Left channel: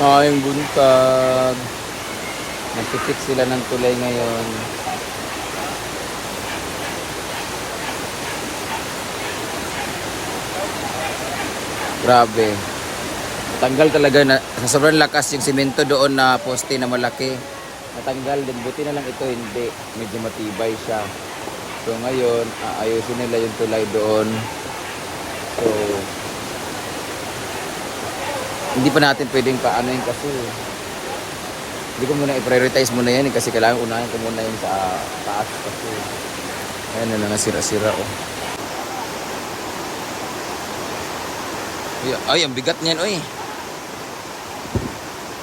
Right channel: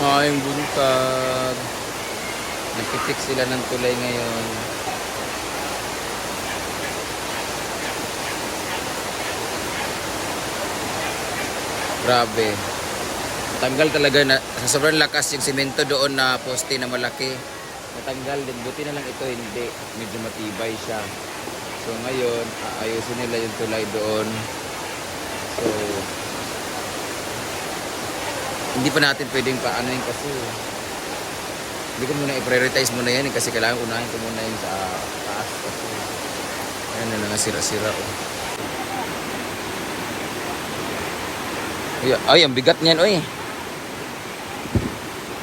Maayong buntag. Nagtipik sila ng tulay ngayon. Grabe. Tanggal talaga na sa sobrang lakas yung simento doon na poste na malaki. Natanggal din. Buti na lang ito hindi. Medyo matibay siya. So ngayon, aayusin nila yung tulay doon. So, hindi pa natin pwedeng paano yun kasi hindi ko muna i-prioritize muna yan eh, kasi kailangan unahin ko muna yung ta taas kasi ayan na lang sira-sira oh. Ay, ay, ang bigat niyan oy.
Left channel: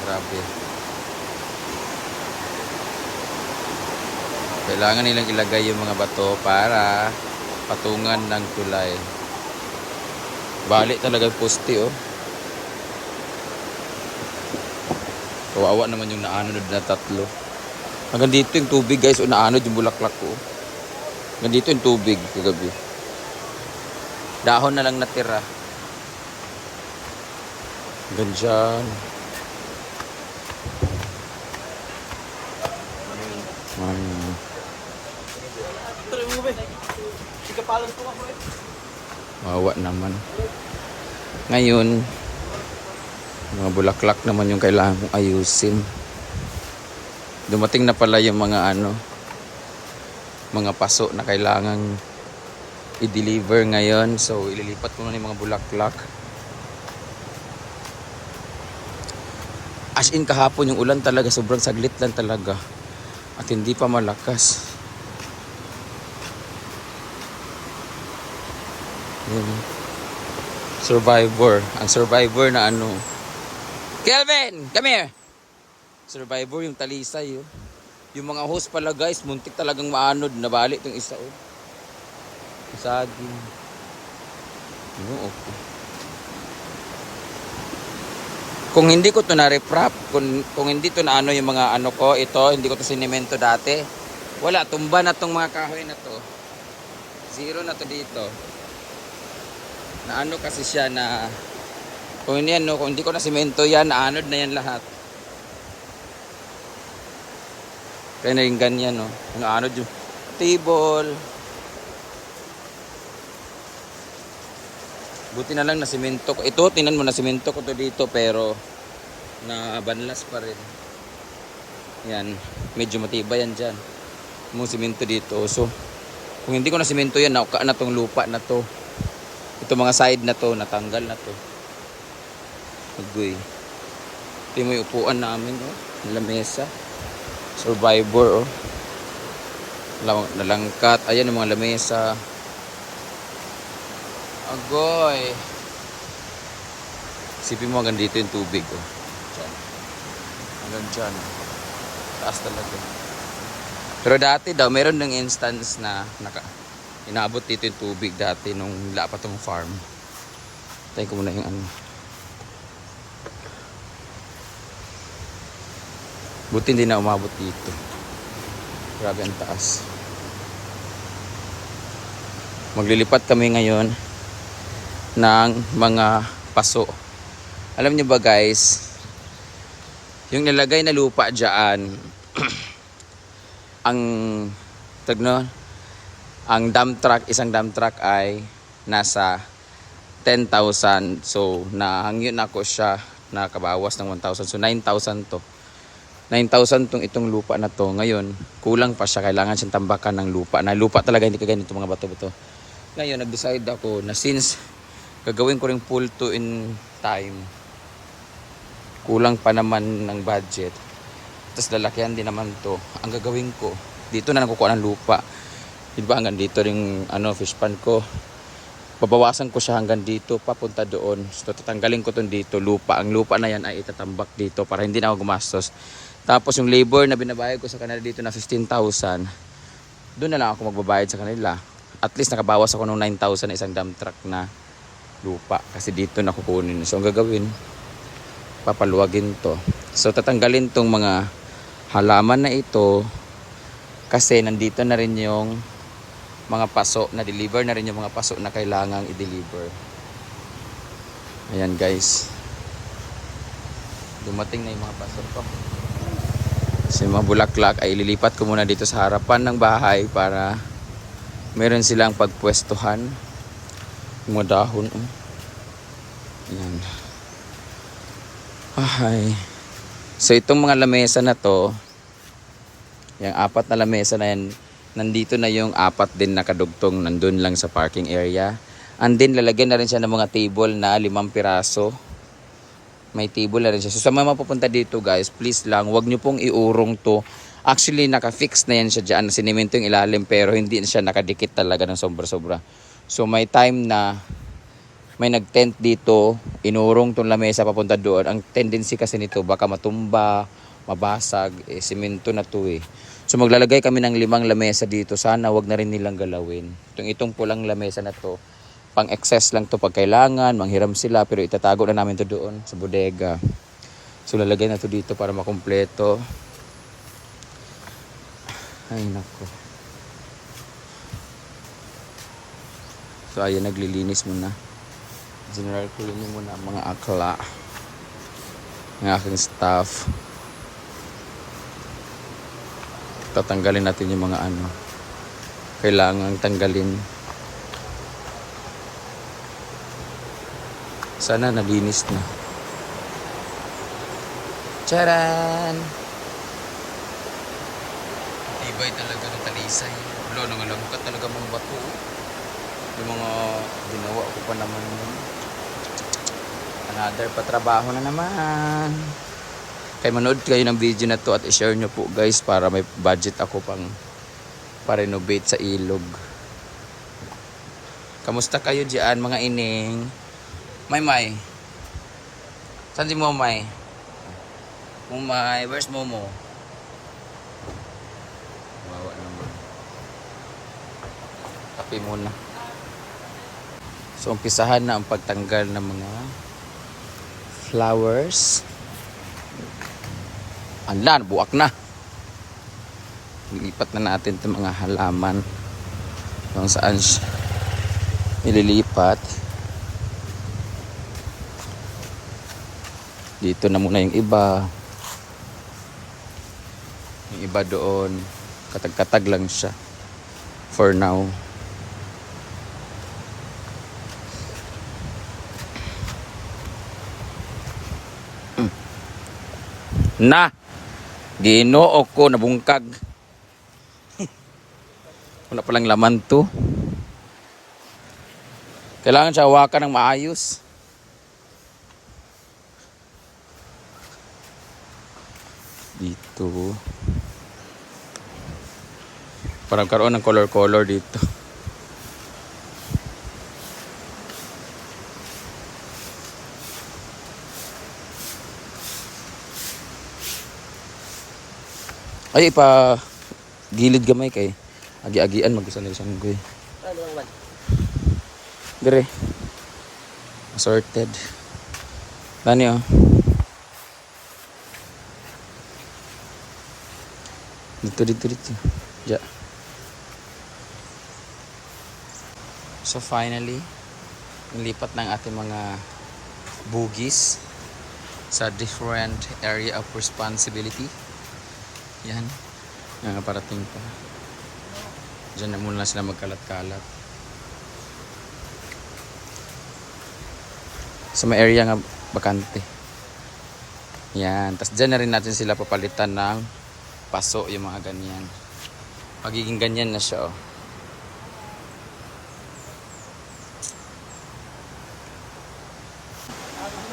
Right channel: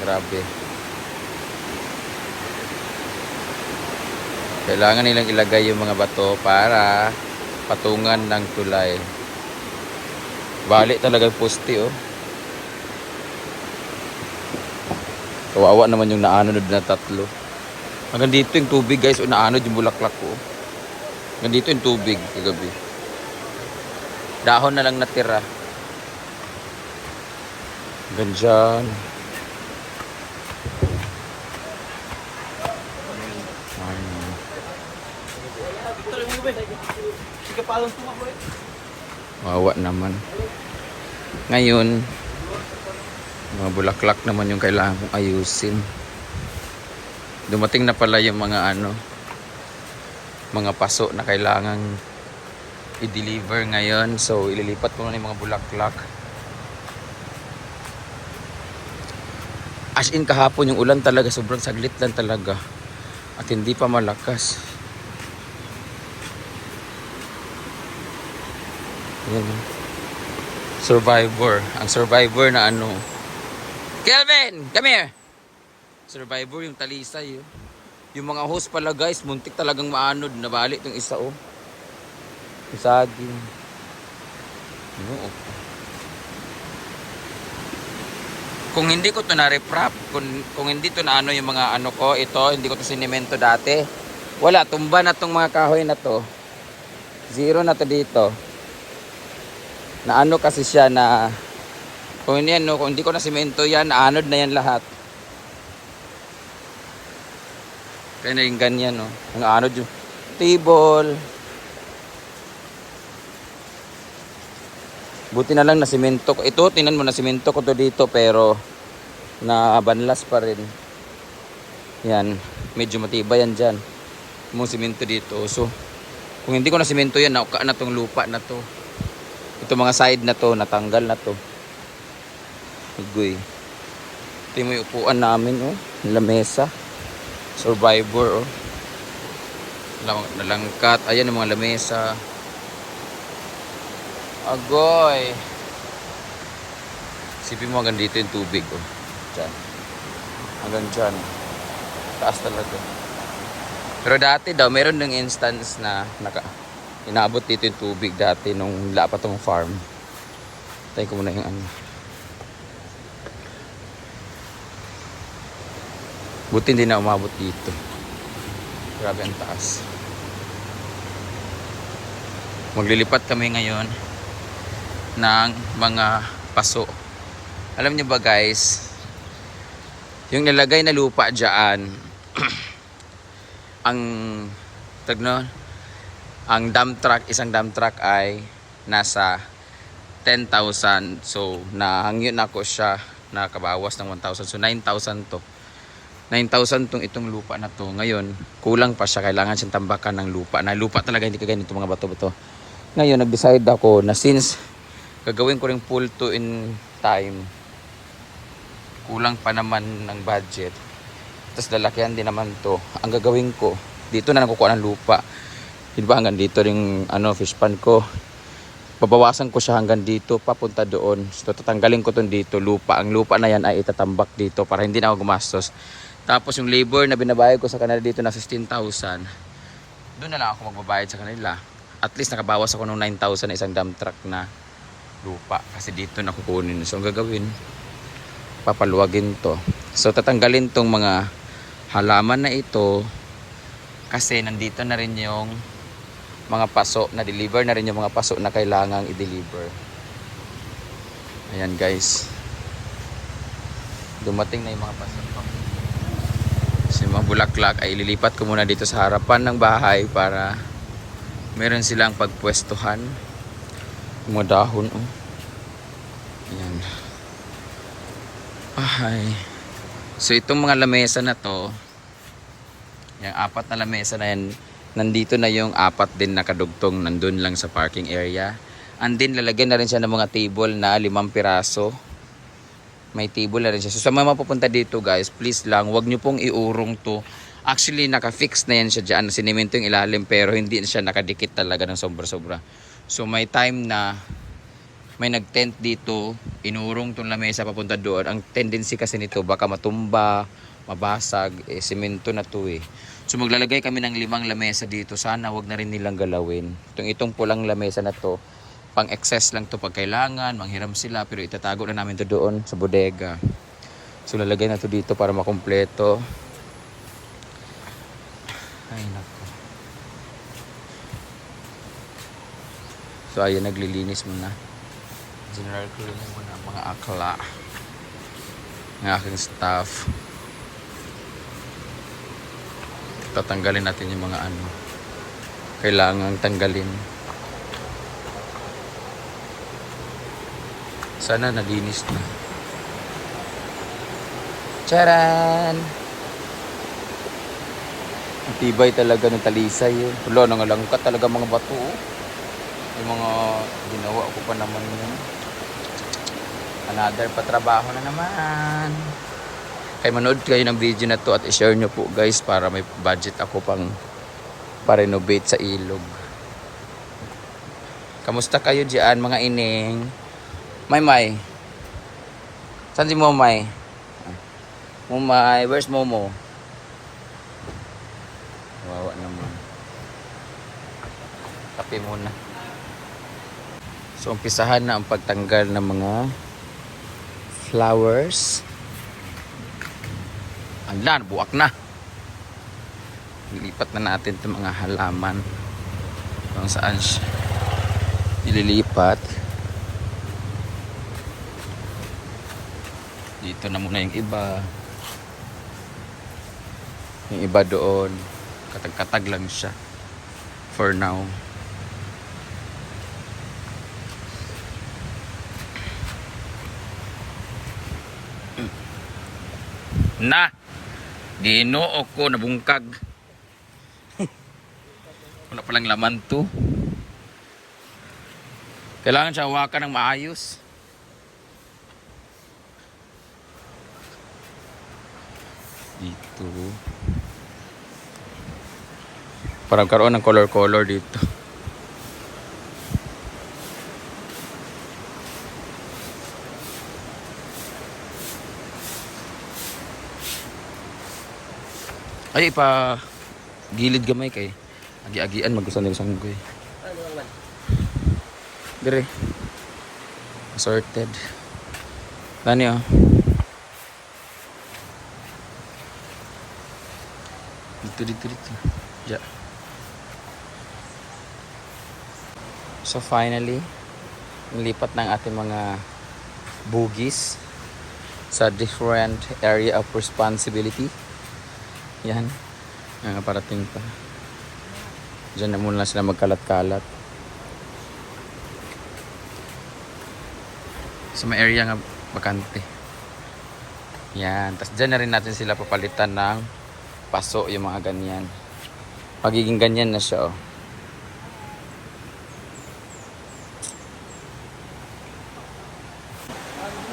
Grabe. Kailangan nilang ilagay yung mga bato para patungan ng tulay. Balik talaga poste oh. Kawawa naman yung naanod na tatlo. Hanggang dito yung tubig guys, o naanod yung bulaklak ko. Hanggang dito yung tubig kagabi. Dahon na lang natira. Hanggang dyan. Hmm. Wawa naman. Ngayon, mga bulaklak naman yung kailangan kong ayusin. Dumating na pala yung mga ano, mga paso na kailangang i-deliver ngayon. So, ililipat ko nga yung mga bulaklak. As in kahapon yung ulan talaga, sobrang saglit lang talaga. At hindi pa malakas. Yan. Survivor. Ang survivor na ano, Kelvin, come here. Survivor yung talisay. Oh. Yung mga host pala guys, muntik talagang maanod. Nabali itong isa oh. Yung saging. Ano, okay. Kung hindi ko to na-reprap, kung, kung hindi to na ano yung mga ano ko, ito, hindi ko to sinimento dati. Wala, tumba na tong mga kahoy na to. Zero na to dito. Na ano kasi siya na kung hindi, ano, kung hindi ko na simento yan, anod na yan lahat. Kaya na yung ganyan, no? Ang anod yung table. Buti na lang na simento ko. Ito, tinan mo na simento ko to dito, pero nabanlas pa rin. Yan, medyo matibay yan dyan. Mo simento dito. So, kung hindi ko na simento yan, nauka na tong lupa na to. Ito mga side na to, natanggal na to. Agoy. Ito yung upuan namin, oh. Lamesa. Survivor, oh. Lang nalangkat. Ayan yung mga lamesa. Agoy. Isipin mo hanggang dito yung tubig, oh. Diyan. Hanggang dyan. Taas talaga. Pero dati daw, meron ng instance na naka, inaabot dito yung tubig dati nung wala pa farm. Tayo ko muna yung ano. Buti hindi na umabot dito. Grabe ang taas. Maglilipat kami ngayon ng mga paso. Alam niyo ba guys, yung nilagay na lupa dyan, ang tagno, ang dump truck, isang dump truck ay nasa 10,000. So, nahangin ako siya, nakabawas ng 1,000. So, 9,000 to. 9,000 tong itong lupa na to. Ngayon, kulang pa siya. Kailangan siyang tambakan ng lupa. Na lupa talaga, hindi ka ganito mga bato-bato. Ngayon, nag-decide ako na since gagawin ko rin full to in time, kulang pa naman ng budget. Tapos lalakihan din naman to. Ang gagawin ko, dito na nakukuha ng lupa. Di ba hanggang dito ring ano, fish pan ko. Babawasan ko siya hanggang dito, papunta doon. So tatanggalin ko tong dito, lupa. Ang lupa na yan ay itatambak dito para hindi na ako gumastos. Tapos yung labor na binabayad ko sa kanila dito na 15,000, doon na lang ako magbabayad sa kanila. At least nakabawas ako ng 9,000 na isang dump truck na lupa. Kasi dito na kukunin. So ang gagawin, papaluwagin to. So tatanggalin tong mga halaman na ito kasi nandito na rin yung mga paso na deliver na rin yung mga paso na kailangang i-deliver. Ayan guys. Dumating na yung mga pastor ko. Kasi mga bulaklak ay ililipat ko muna dito sa harapan ng bahay para meron silang pagpwestuhan. Mga dahon. Oh. Yan. Ay. So itong mga lamesa na to, yung apat na lamesa na yan, nandito na yung apat din nakadugtong nandun lang sa parking area. And then lalagyan na rin siya ng mga table na limang piraso. May table na rin siya. So sa mga mapupunta dito guys, please lang, wag nyo pong iurong to. Actually, naka-fix na yan siya dyan. Sinimento yung ilalim pero hindi siya nakadikit talaga ng sobra-sobra. So may time na may nag-tent dito, inurong tong lamesa papunta doon. Ang tendency kasi nito baka matumba, mabasag, eh, simento na to eh. So maglalagay kami ng limang lamesa dito. Sana wag na rin nilang galawin. Itong itong pulang lamesa na to, pang excess lang to pag kailangan, manghiram sila pero itatago na namin to doon sa bodega. So lalagay na to dito para makumpleto. Ay nako. So ayun naglilinis muna. General cleaning muna ang mga akla. Ng aking staff. Tatanggalin natin yung mga ano. Kailangan tanggalin. Sana nalinis na. Charan! Tibay talaga ng talisay. eh. Wala, nangalangkat talaga mga bato. oh. Yung mga ginawa ko pa naman yun. Another patrabaho na naman. Kaya manood kayo ng video na to at i-share nyo po guys para may budget ako pang pa-renovate sa ilog. Kamusta kayo diyan mga ining? May may. Saan si Momay? Momay, where's Momo? Wawa naman. Kape muna. So, umpisahan na ang pagtanggal ng mga flowers. Ang lan, buwak na. Lilipat na natin itong mga halaman kung saan ililipat. Dito na muna yung iba. Yung iba doon. Katag-katag lang siya. For now. Na! Ginoo ko nabungkag. Wala palang laman to. Kailangan siya hawakan ng maayos. Dito. Parang karoon ng color-color dito. Ay, pa gilid gamay kay. Agi-agian magusan ng sanggoy. Dire. Assorted. Tani oh. Dito, dito, dito. Ja. So finally, nilipat ng ating mga bugis sa different area of responsibility. Yan. Ah, parating pa. Diyan na muna sila magkalat-kalat. Sa may area nga bakante. Yan. Tapos dyan na rin natin sila papalitan ng paso yung mga ganyan. Pagiging ganyan na siya oh.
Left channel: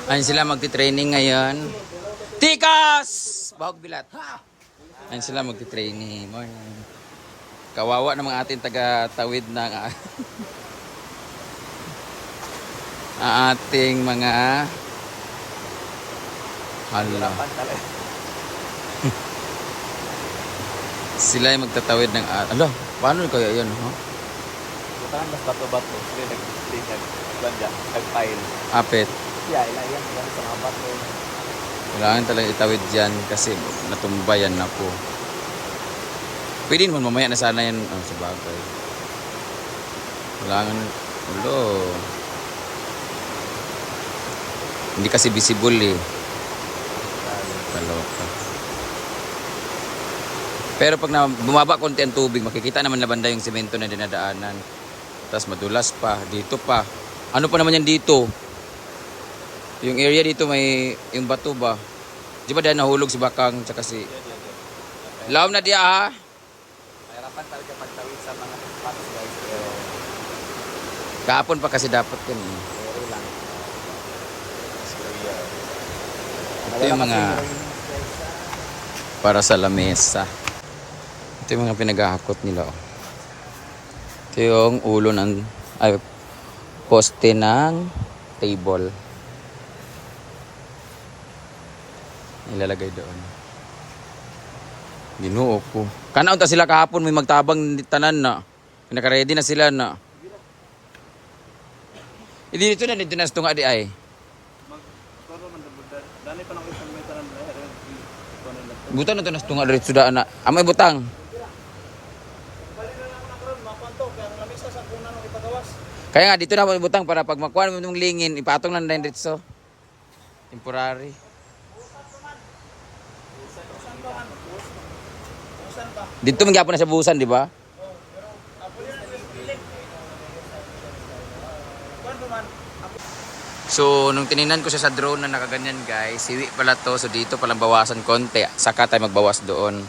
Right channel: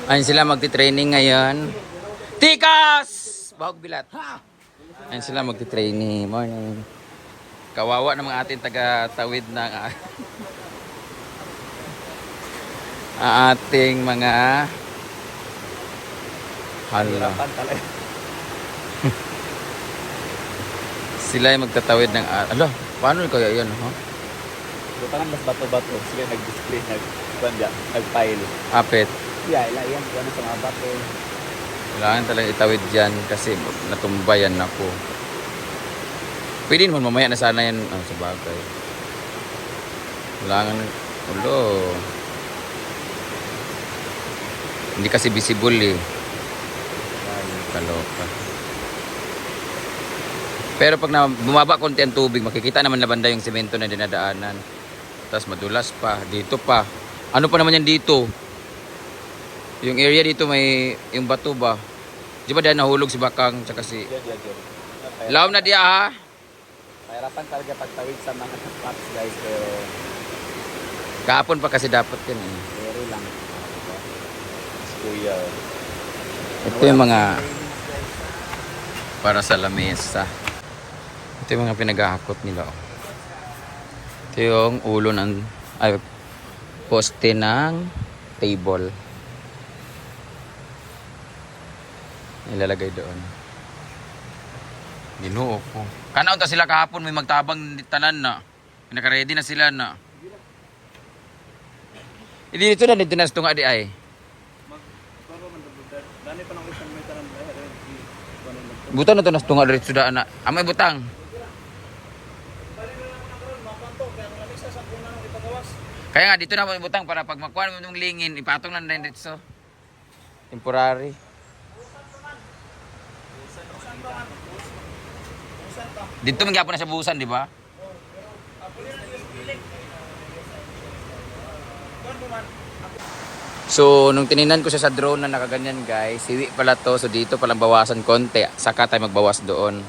Ayun sila magti-training ngayon. Tikas! Bahog bilat. Ayun sila magti-training. Morning. Kawawa ng mga ating taga-tawid ng ating mga hala. Sila ay magtatawid ng alo, paano kaya 'yan, ha? Bukan mas bato-bato. Sila nag-display, nag-pile. Apet. Yeah, ilayan. Yan sa mga bato. Kailangan talaga itawid dyan kasi natumbayan na po. Pwede naman mamaya na sana yan ang sa bagay. Kailangan, ulo. Hindi kasi visible eh. Kaloka. Pero pag na, bumaba konti ang tubig, makikita naman na banda yung semento na dinadaanan. Tapos madulas pa, dito pa. Ano pa naman yan dito? Yung area dito may yung bato ba? Di ba dahil nahulog si Bakang tsaka si... Lawm na diya ha? Mahirapan talaga pagtawid sa mga paps guys. Pero Kahapon pa kasi dapat yan eh. lang. Kuya. Ito yung mga para sa lamesa. Ito yung mga pinaghahakot nila. oh. Ito yung ulo ng ay poste ng table. Ilalagay doon. Ginoo ko. Kanaon ta sila kahapon may magtabang tanan na. Naka-ready na sila na. Hindi dito na dito na sa tunga di ay. Butang na to nas tunga diretso daan na. Amay butang. Kaya nga dito na mo butang para pag makuha mo yung lingin, ipatong lang din diretso. Temporary. Dito magyapon na sa busan, di ba? So, nung tininan ko siya sa drone na nakaganyan guys, hiwi pala to. So, dito palang bawasan konti. Saka tayo magbawas doon.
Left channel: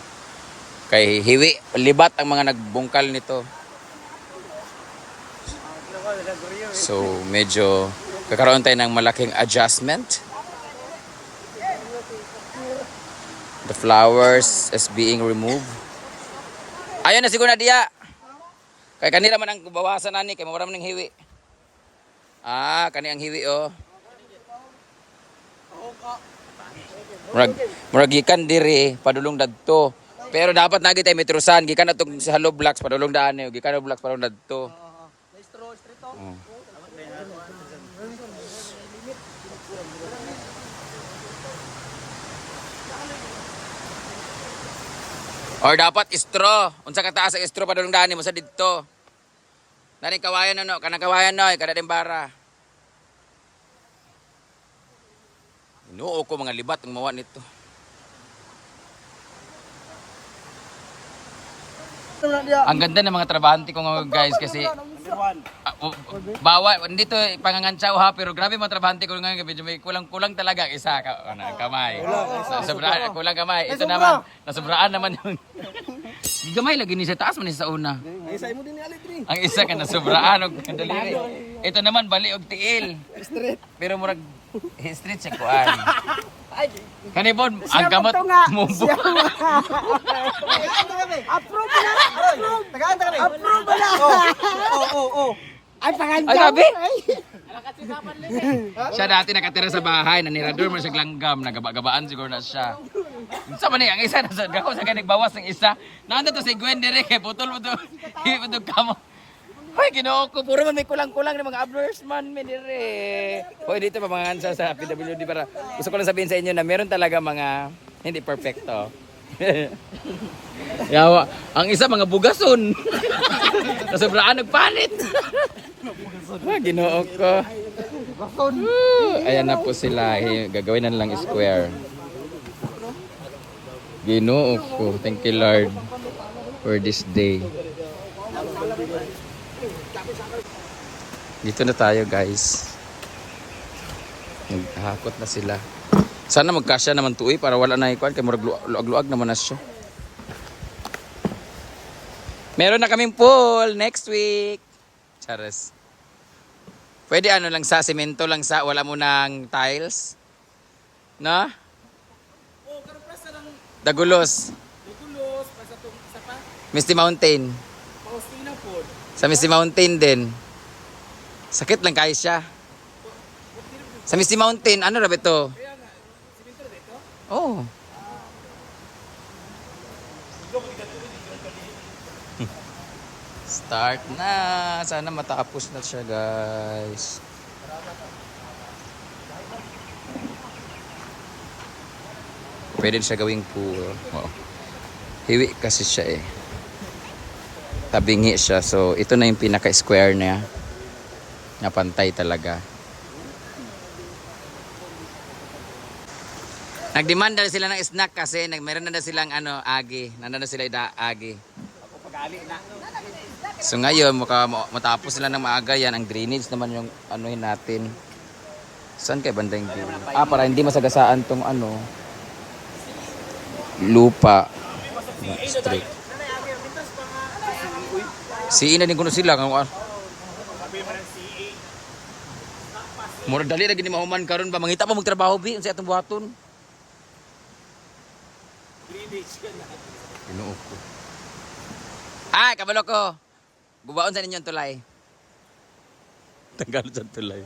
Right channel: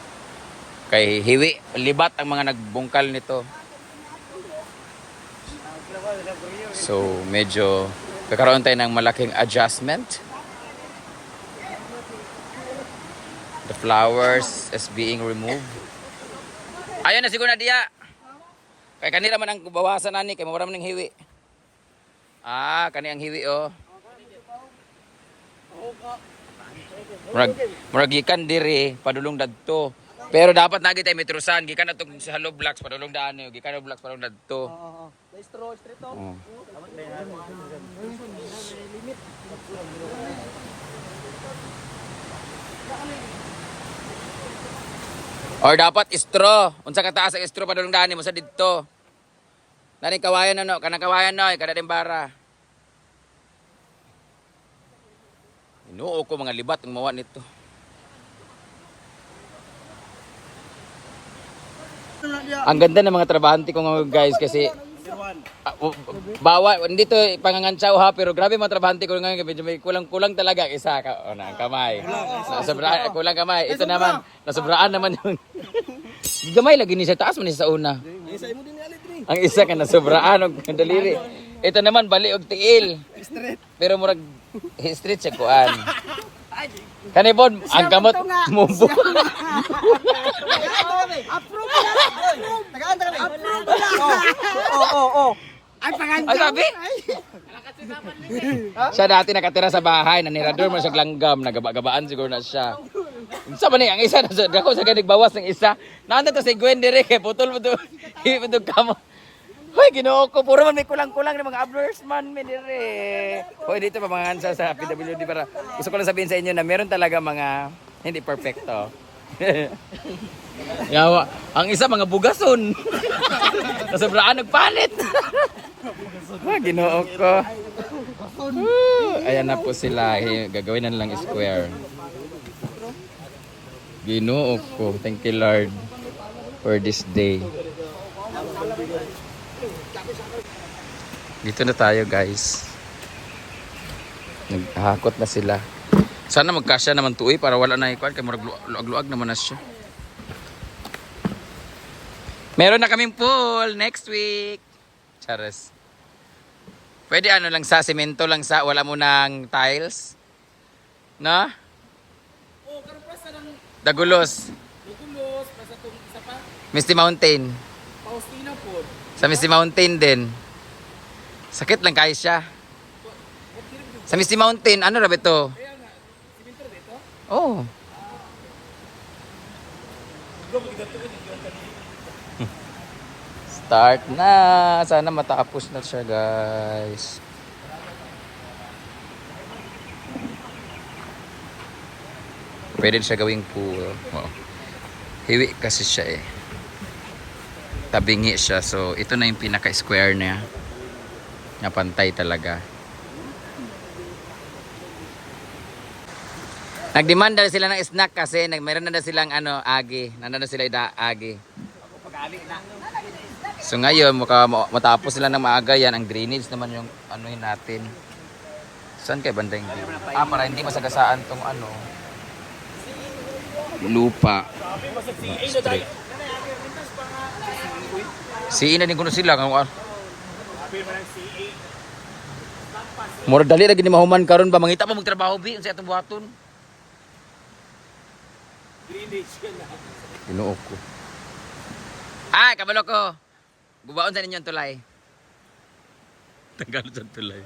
Kay hiwi, libat ang mga nagbungkal nito. So, medyo kakaroon tayo ng malaking adjustment. The flowers is being removed. Ayun na siguro na diya. Kay kanila man ang bawasan nani kay mawala man ng hiwi. Ah, kani ang hiwi oh. Murag murag gikan diri padulong dadto. Pero dapat nagi tayo metrusan gikan atong sa hollow blocks padulong daan eh. gikan hollow blocks padulong dadto. Oh. Or dapat straw. Unsa ka taas ang straw padulong daan mo sa didto. Nani kawayan ano, kanang kawayan noy, kada bara. Inuo ko mga libat ang mawa nito. Ang ganda ng mga trabahante ko mga guys kasi ah, u- bawa hindi to pangangantsaw ha pero grabe mga trabahante ko ngayon medyo may kulang-kulang talaga isa ka ano, kamay. So, sobra kulang kamay. Ito naman nasobraan naman yung gamay lagi ni sa taas man sa una. Isa mo din ni Alitri. Ang isa ka nasobraan og daliri. Ito naman bali og tiil. Straight. Pero murag street sa kuan. Kani pod ang kamot mo. Approve mo na! Tagaan, tagaan. Approve mo na! Oo, oo, oo. Ay, Ay, panganjaw. sabi? siya dati nakatira sa bahay, nanirador man sa glanggam, nagaba-gabaan siguro na siya. Sa man ang isa, dako sa kanig bawas ng isa. Nanda to si Gwen dire kay putol mo to. Iputol kamo. Ay, ginoo ko. Puro man may kulang-kulang ng mga ablers man, may dire. Hoy, dito pa mga ansa sa PWD para gusto ko lang sabihin sa inyo na meron talaga mga hindi perfecto. Yawa, ang isa mga bugason. Nasobraan nagpalit. Ah, ginoo ko. Ayan na po sila. Eh, Gagawin na lang square. Ginoo ko. Thank you Lord for this day. Dito na tayo guys. Naghakot na sila. Sana magkasya naman tuoy para wala na ikuan kay murag luag-luag naman na siya. Meron na kaming pool next week. Chares. Pwede ano lang sa semento lang sa wala mo ng tiles. Na? Oh, karon Dagulos. dugulos pa sa tong isa pa. Misty Mountain. Paustina po. Sa Misty Mountain din. Sakit lang kayo siya. Sa Misty Mountain, ano rabe to? Oh. Start na. Sana matapos na siya, guys. Pwede siya gawing pool. Oo. Hiwi kasi siya eh. Tabingi siya. So, ito na yung pinaka-square niya. Na pantay talaga. Nagdemand na sila ng snack kasi nag meron na silang ano, agi. Nandun na sila ida agi. So ngayon, maka, matapos sila ng maaga yan, ang drainage naman yung anuhin natin. Saan kay banda yung drainage? Ah, para hindi masagasaan tong ano, lupa. Strict. Si ina din kuno sila kung ah. Mura dali lagi ni mahuman karon ba mangita pa magtrabaho bi unsa atong buhaton. Ginoo ko. Ah, kabalo ko. Bubaon sa ninyo ang tulay. Tanggal sa tulay.